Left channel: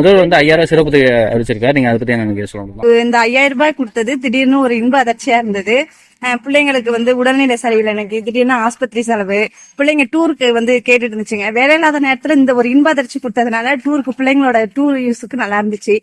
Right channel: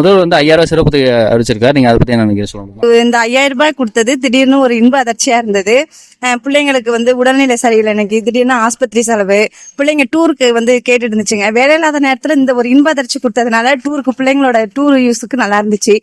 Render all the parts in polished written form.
முதல்வர் வந்து 5000 சிறப்பு அறிவிச்சிருக்காரு. நீங்க அதை பத்தி என்ன நினைக்கிறீங்க சொல்லுங்க. இந்த 5000 ரூபாய் கொடுத்தது திடீர்னு ஒரு இன்ப அதிர்ச்சியா இருந்தது. பிள்ளைங்களுக்கு வந்து உடல்நிலை சரியில்லை, எனக்கு திடீர்னு ஆஸ்பத்திரி செலவு, பிள்ளைங்க டூருக்கு வந்து கேட்டுட்டு இருந்துச்சுங்க. வேலை இல்லாத நேரத்துல இந்த ஒரு இன்ப அதிர்ச்சி கொடுத்ததுனால டூருக்கு பிள்ளைங்களோட டூர் யூஸுக்கு நல்லா இருந்துச்சு.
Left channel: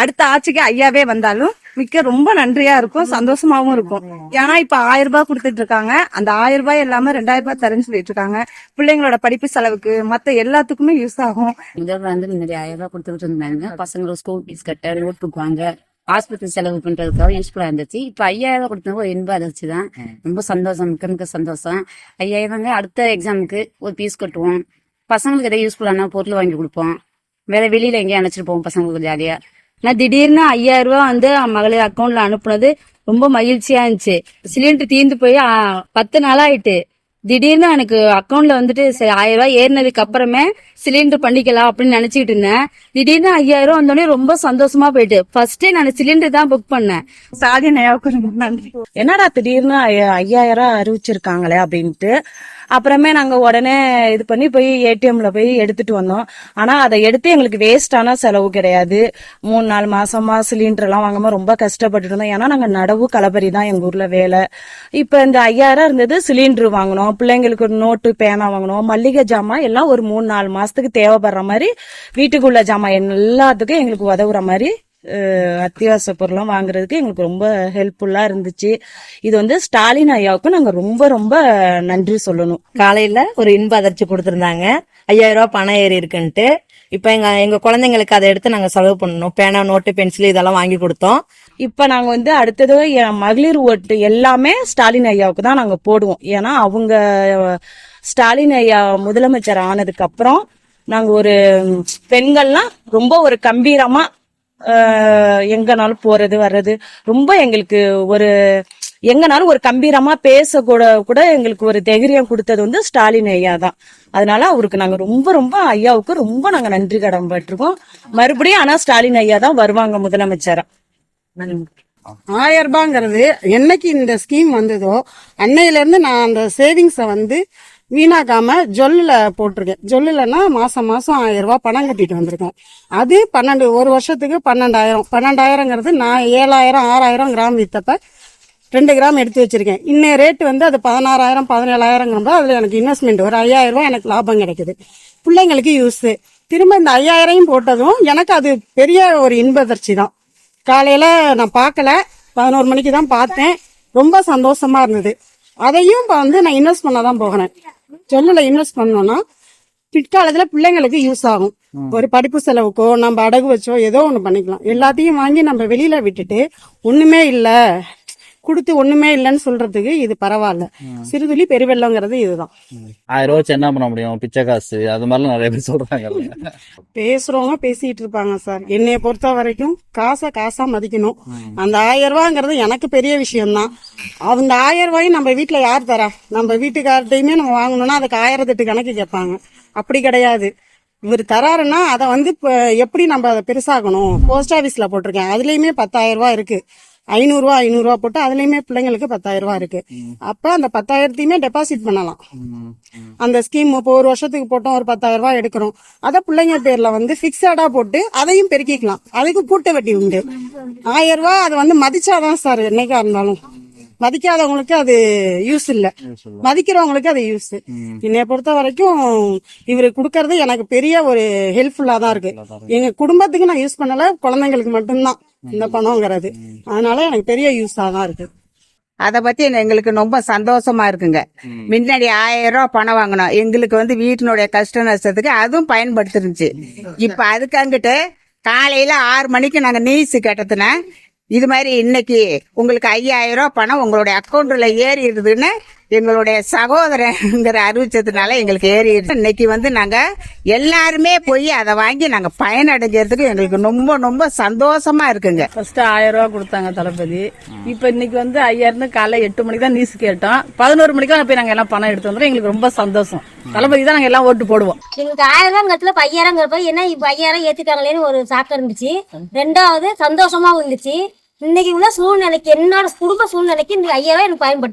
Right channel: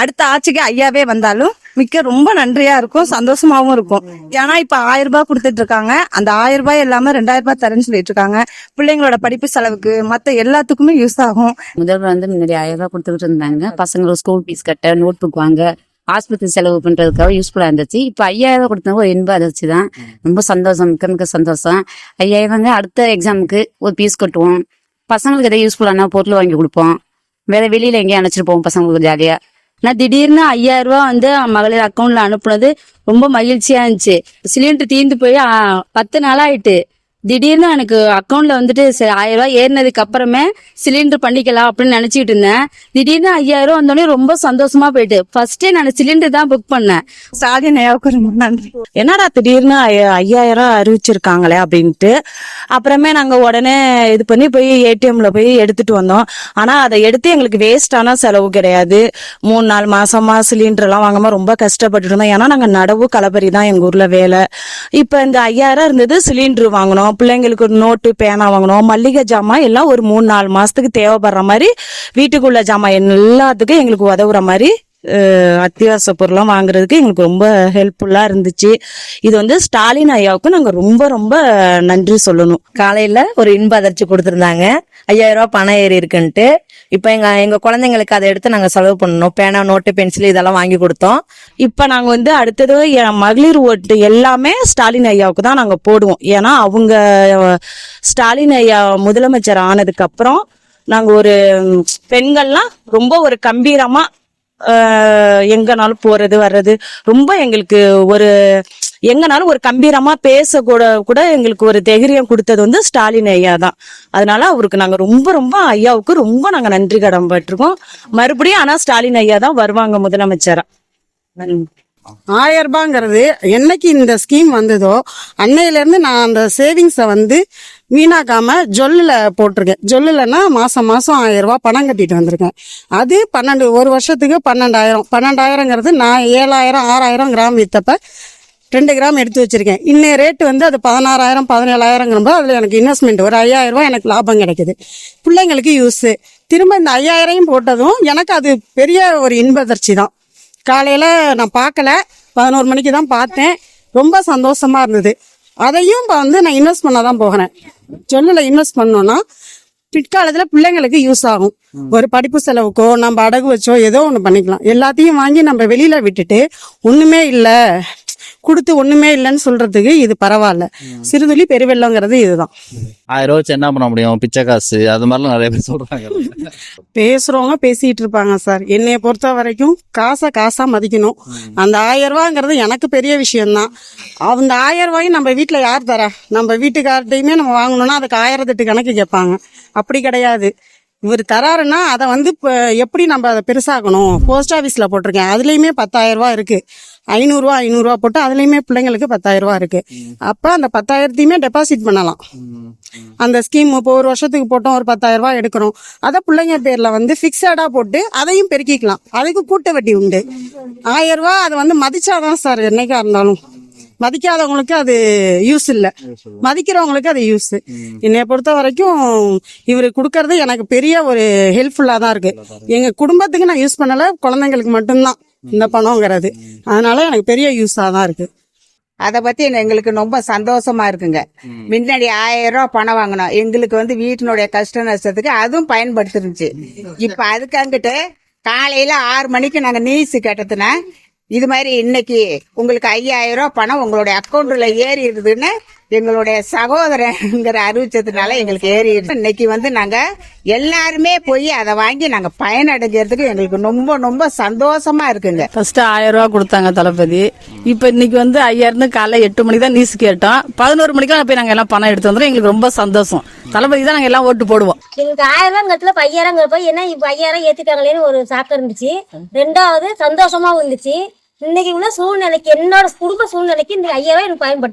அடுத்த ஆட்சிக்கு ஐயாவே வந்தாலும் மிக்க ரொம்ப நன்றியா இருக்கும், சந்தோஷமாவும் இருக்கும். ஏன்னா இப்ப 1000 ரூபாய் கொடுத்துட்டு இருக்காங்க. அந்த 1000 ரூபாய் இல்லாம 2000 ரூபாய் தரேன்னு சொல்லிட்டு இருக்காங்க. பிள்ளைங்களோட படிப்பு செலவுக்கு மத்த எல்லாத்துக்குமே யூஸ் ஆகும். முதல்வர் வந்து முன்னாடி 1000 ரூபாய் கொடுத்துட்டு இருந்தாங்க. பசங்களுக்கு ஸ்கூல் ஃபீஸ் கட்ட, நோட் புக் வாங்க, ஆஸ்பத்திரி செலவு பண்றதுக்காக யூஸ்ஃபுல்லா இருந்துச்சு. இப்ப 5000 ரூபாய் கொடுத்தவங்க ஒரு இன்ப அதிர்ச்சி தான். ரொம்ப சந்தோஷம், மிக்க சந்தோஷம். 5000 அடுத்த எக்ஸாமுக்கு ஒரு ஃபீஸ் கட்டுவோம், பசங்களுக்கு எதாவது யூஸ்ஃபுல்லான பொருள் வாங்கி கொடுப்போம், வேற வெளியில எங்கேயும் அழைச்சிட்டு போவோம் பசங்களுக்கு ஜாலியா. நான் திடீர்னு 5000 ரூபாய் வந்து மகளிர் அக்கௌண்ட்ல அனுப்புனது ரொம்ப மகிழ்ச்சியா இருந்துச்சு. சிலிண்டர் தீர்ந்து போய் 10 நாள் ஆயிட்டு. திடீர்னு எனக்கு அக்கௌண்ட்ல வந்துட்டு 1000 ரூபாய் ஏறினதுக்கு அப்புறமே சிலிண்டர் பண்ணிக்கலாம் அப்படின்னு நினைச்சிட்டு இருந்தேன். திடீர்னு 5000 ரூபாய் வந்தோடனே ரொம்ப சந்தோஷமா போயிட்டு ஃபர்ஸ்டே நான் சிலிண்டர் தான் புக் பண்ணேன். ஸ்டாலின் ஐயாவுக்கு ரொம்ப நன்றி. என்னடா திடீர்னு 5000 ரூபாய் அறிவிச்சிருக்காங்களே அப்படின்ட்டு அப்புறமே நாங்க உடனே இது பண்ணி போய் ஏடிஎம்ல போய் எடுத்துட்டு வந்தோம். ஆனா அதை எடுத்து எங்களுக்கு வேஸ்டான செலவு கிடையாது. 3-4 மாசமா சிலிண்டர் எல்லாம் வாங்காம ரொம்ப கஷ்டப்பட்டு இருந்தோம். ஏன்னா நாங்க நடவு களப்பறி தான் எங்க ஊர்ல வேலை. இப்ப இந்த 5000 இருந்தது, சிலிண்டர் வாங்கணும், பிள்ளைங்களுக்கு நோட்டு பேனா வாங்கணும், மல்லிகை ஜாமான் எல்லாம் ஒரு 3-4 மாசத்துக்கு தேவைப்படுற மாதிரி வீட்டுக்குள்ள ஜாமான் எல்லாத்துக்கும் எங்களுக்கு உதவுற மாதிரி அத்தியாவசிய பொருளாம் வாங்குறதுக்கு எங்களுக்கு ரொம்ப ஹெல்ப்ஃபுல்லா இருந்துச்சு. இது வந்து ஸ்டாலின் ஐயாவுக்கு நாங்க ரொம்ப ரொம்ப நன்றி சொல்லணும். காலையில ஒரு இன்ப அதிர்ச்சி கொடுத்திருந்தாங்க, 5000 ரூபாய் பணம் ஏறி இருக்குன்ட்டு. இப்ப எங்க குழந்தைங்களுக்கு அதை எடுத்து நாங்க செலவு பண்ணணும், பேனா, நோட்டு, பென்சில் இதெல்லாம் வாங்கி கொடுத்தோம். இப்ப நாங்க வந்து அடுத்தது என் மகளிர் ஓட்டு எல்லாமே ஸ்டாலின் ஐயாவுக்கு தான் நாங்க போடுவோம். ஏன்னா அவங்க ஸ்டாலின் ஐயா முதலமைச்சர் ஆனதுக்கு அப்புறம் நாங்க ஒரு பெண்கள்லாம் ரொம்ப ஒரு கம்பீரமா எங்கனாலும் போறது வர்றது ரொம்ப எங்களுக்கு ஒரு எங்கனாலும் ஒரு கம்பீரமா பேச கூட எங்களுக்கு ஒரு தைரியம் கொடுத்தது வந்து ஸ்டாலின் ஐயா தான். அதனால அவருக்கு நாங்க ரொம்ப ரொம்ப ஐயாவுக்கு ரொம்ப நாங்க நன்றி கடன் பட்டிருக்கோம். மறுபடியும் ஆனா ஸ்டாலின் ஐயா தான் வருவாங்க முதலமைச்சரா. 1000 ரூபாங்கிறது என்னைக்கு இந்த ஸ்கீம் வந்ததோ அன்னையில இருந்து நான் அந்த சேவிங்ஸை வந்து வீணாக்காம ஜொல்லுல போட்டிருக்கேன். ஜொல்லுலன்னா மாசம் 1000 ரூபாய் பணம் கட்டிட்டு வந்திருக்கேன். அது 1 வருஷத்துக்கு 12,000. 12,000ங்கிறது நான் 7,000 6,000 கிராம் வித்தப்ப 2 கிராம் எடுத்து வச்சிருக்கேன். இன்னும் ரேட்டு வந்து அது 16,000 17,000ங்கிறப்ப அதுல எனக்கு இன்வெஸ்ட்மெண்ட் ஒரு 5,000 ரூபாய் எனக்கு லாபம் கிடைக்குது. பிள்ளைங்களுக்கு யூஸ். திரும்ப இந்த 5,000 போட்டதும் எனக்கு அது பெரிய ஒரு இன்பதிர்ச்சி தான். காலையில நான் பார்க்கல, 11 மணிக்கு தான் பார்த்தேன். ரொம்ப சந்தோஷமா இருந்தது. அதையும் வந்து நான் இன்வெஸ்ட் பண்ணாதான் போகிறேன். சொல்லுல இன்வெஸ்ட் பண்ணோம்னா பிற்காலத்துல பிள்ளைங்களுக்கு யூஸ் ஆகும். ஒரு படிப்பு செலவுக்கோ நம்ம அடகு வச்சோ ஏதோ ஒண்ணு பண்ணிக்கலாம். எல்லாத்தையும் வாங்கி நம்ம வெளியில விட்டுட்டு ஒண்ணுமே இல்ல கொடுத்து ஒண்ணுமே இல்லைன்னு சொல்றதுக்கு இது பரவாயில்ல. சிறுதுளி பெருவெள்ளங்கிறது இதுதான். 1000 ரூபாய் வச்சு என்ன பண்ண முடியும், பிச்சை காசு அது மாதிரிலாம் நிறைய பேர் சொல்றாங்க. பேசுறவங்க பேசிட்டு இருப்பாங்க சார். என்னைய பொறுத்த வரைக்கும் காசா மதிக்கணும். அந்த 1000 ரூபாங்கிறது எனக்கு பெரிய விஷயம்தான். அந்த 1000 ரூபாயும் நம்ம வீட்டுல யார் தரா? நம்ம வீட்டுக்கார்ட்டையுமே நம்ம வாங்கணும்னா அதுக்கு 1008 கணக்கு கேட்பாங்க. அப்படி கிடையாது. இவர் தராருன்னா அதை வந்து எப்படி நம்ம அதை பெருசாக்கணும். போஸ்ட் ஆபீஸ்ல போட்டிருக்கேன், அதுலயுமே 10,000 ரூபாய் இருக்கு. 500 ரூபாய் போட்டு அதுலயுமே பிள்ளைங்களுக்கு 10,000 ரூபாய் இருக்கு. அப்ப அந்த 10,000த்தையுமே டெபாசிட் பண்ணலாம். அந்த ஸ்கீம் இப்போ 1 வருஷத்துக்கு போட்டோம், ஒரு 10,000 ரூபாய் எடுக்கிறோம். அதை பிள்ளைங்க பேர்ல வந்து பிக்சடா போட்டு அதையும் பெருக்கிக்கலாம். அதுக்கு கூட்ட வட்டி உண்டு. 1000 ரூபாய் அது வந்து மதிச்சாதான் சார் என்னைக்கா இருந்தாலும். மதிக்காதவங்களுக்கு அது யூஸ் இல்ல, மதிக்கிறவங்களுக்கு அது யூஸ். என்னைய பொறுத்த வரைக்கும் இவரு கொடுக்கறது எனக்கு பெரிய ஒரு ஹெல்ப்ஃபுல்லா தான் இருக்கு. எங்க குடும்பத்துக்கு நான் யூஸ் பண்ணல, குழந்தைங்களுக்கு மட்டும்தான் இந்த பணம்ங்கிறது. அதனால எனக்கு பெரிய யூஸா தான் இருக்கு. அதை பத்தி எங்களுக்கு ரொம்ப சந்தோஷமா இருக்குங்க. முன்னாடி 1000 ரூபாய் பணம் வாங்கணும், எங்களுக்கு வந்து வீட்டினுடைய கஷ்ட நஷ்டத்துக்கு அதுவும் பயன்படுத்திருந்துச்சு. இப்ப அதுக்கு அங்கிட்டு காலையில 6 மணிக்கு நாங்க நியூஸ் கேட்டதுன்னா இது மாதிரி இன்னைக்கு உங்களுக்கு 5000 ரூபாய் பணம் உங்களுடைய அக்கௌண்ட்ல ஏறிடுதுன்னு எங்களுடைய சகோதரங்கிற அறிவிச்சதுனால எங்களுக்கு ஏறிடுது. இன்னைக்கு வந்து நாங்க எல்லாருமே போய் அதை வாங்கி நாங்க பயனடைகிறதுக்கு எங்களுக்கு ரொம்ப ரொம்ப சந்தோஷமா இருக்குங்க. ஃபர்ஸ்ட் 1000 ரூபாய் கொடுத்தாங்க தளபதி. இப்ப இன்னைக்கு வந்து 5000 காலைல 8 மணிக்கு தான் நியூஸ் கேட்டோம். 11 மணிக்கெல்லாம் போய் நாங்க எல்லாம் பணம் எடுத்து வந்துடும். எங்களுக்கு ரொம்ப சந்தோஷம். தளபதி தான் நாங்க எல்லாம் ஓட்டு போடுவோம். எங்களுக்கு 1000 ரூபாய் 5000 ஏன்னா இப்ப 5000 ஏத்திட்டாங்களேன்னு ஒரு சாக்கு இருந்துச்சு. 2வது சந்தோஷமாவும் இருந்துச்சு. இன்னைக்கு உள்ள சூழ்நிலைக்கு, என்னோட குடும்ப சூழ்நிலைக்கு இந்த 5000 ரூபாய் எனக்கு பயன்படுத்து.